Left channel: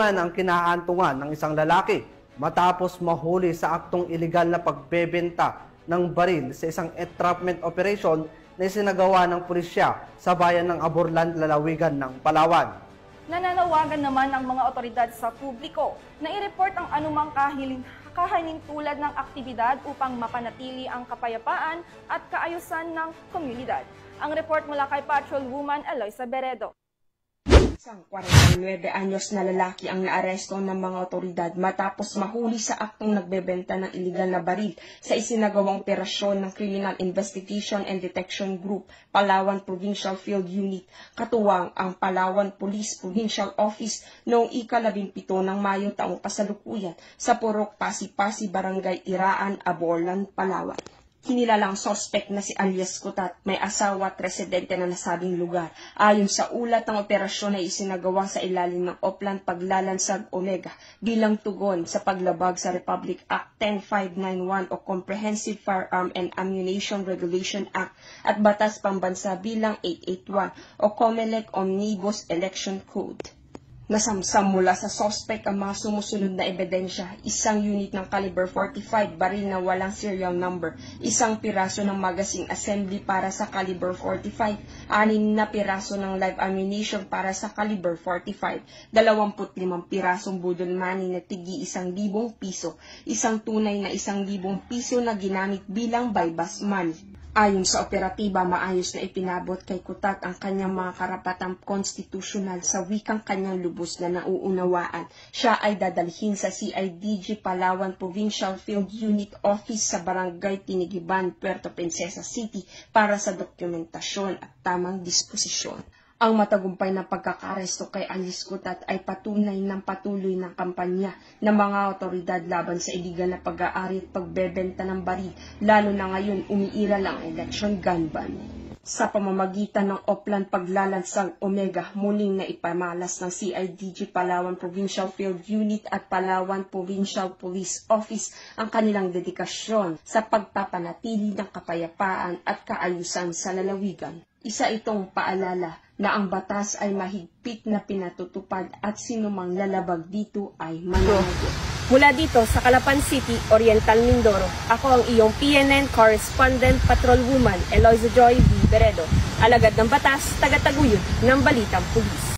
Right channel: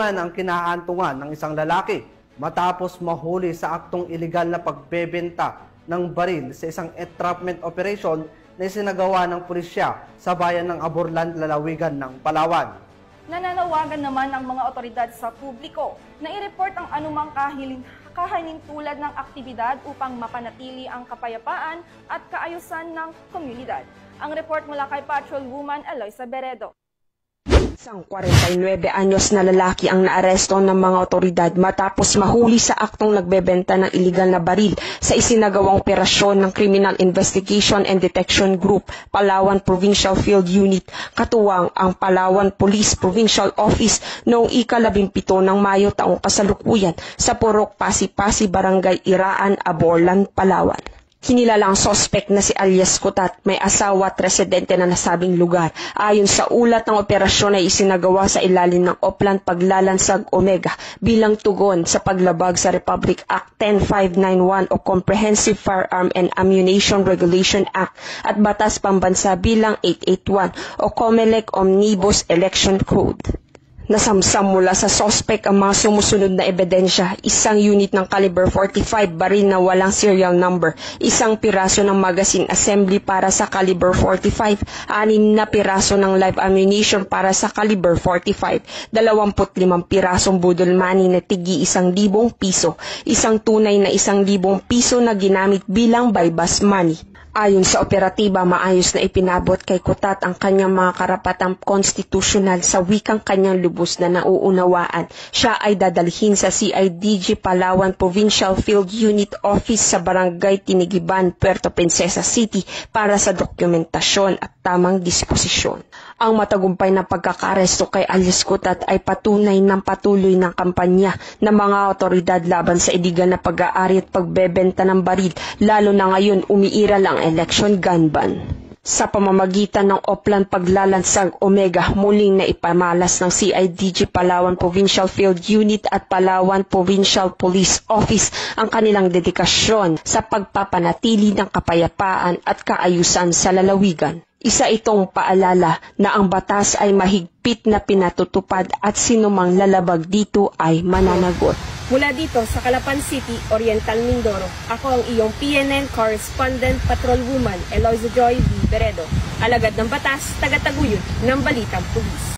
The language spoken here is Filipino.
kulungan ang kinaantungan ng isang lalaki matapos mahuli sa aktong ilegal na pagbebenta ng baril sa isang entrapment operation na isinagawa ng pulisya sa bayan ng Aborlan, Lalawigan ng Palawan. Nananawagan naman ang mga otoridad sa publiko na i-report ang anumang kahalintulad ng aktibidad upang mapanatili ang kapayapaan at kaayusan ng komunidad. Ang report mula kay Patrolwoman Eloisa Beredo. Isang 49 anyos na lalaki ang naaresto ng mga otoridad matapos mahuli sa aktong nagbebenta ng iligal na baril sa isinagawang operasyon ng Criminal Investigation and Detection Group, Palawan Provincial Field Unit, katuwang ang Palawan Police Provincial Office noong ika-17 ng Mayo taong kasalukuyan sa Purok Pasi-Pasi, Barangay Iraan, Aborlan, Palawan. Kinilalang sospek na si alias Kutat, may asawa at residente na nasabing lugar. Ayon sa ulat ng operasyon ay isinagawa sa ilalim ng Oplan Paglalansag Omega bilang tugon sa paglabag sa Republic Act 10591 o Comprehensive Firearm and Ammunition Regulation Act at Batas Pambansa bilang 881 o COMELEC Omnibus Election Code. Nasamsam mula sa sospek ang mga sumusunod na ebidensya, isang unit ng caliber 45 baril na walang serial number, isang piraso ng magazine assembly para sa caliber 45, 6 na piraso ng live ammunition para sa caliber 45, 25 pirasong budol money na tigi 1,000 piso, isang tunay na 1,000 piso na ginamit bilang bypass money. Ayon sa operatiba, maayos na ipinabot kay Kutat ang kanyang mga karapatang konstitusyonal sa wikang kanyang lubos na nauunawaan. Siya ay dadalhin sa CIDG Palawan Provincial Field Unit Office sa Barangay Tinigiban, Puerto Princesa City para sa dokumentasyon at tamang disposisyon. Ang matagumpay na pagkakaresto kay alias Kutat ay patunay ng patuloy ng kampanya ng mga otoridad laban sa iligal na pag-aari at pagbebenta ng baril, lalo na ngayon umiiral ang election gun ban. Sa pamamagitan ng Oplan Paglalansag Omega, muling na ipamalas ng CIDG Palawan Provincial Field Unit at Palawan Provincial Police Office ang kanilang dedikasyon sa pagpapanatili ng kapayapaan at kaayusan sa lalawigan. Isa itong paalala na ang batas ay mahigpit na pinatutupad at sinumang lalabag dito ay mananagot. Mula dito sa Calapan City, Oriental Mindoro, ako ang iyong PNN Correspondent Patrolwoman Eloisa Joy V. Beredo, alagad ng batas, tagataguyod ng Balitang Pulis.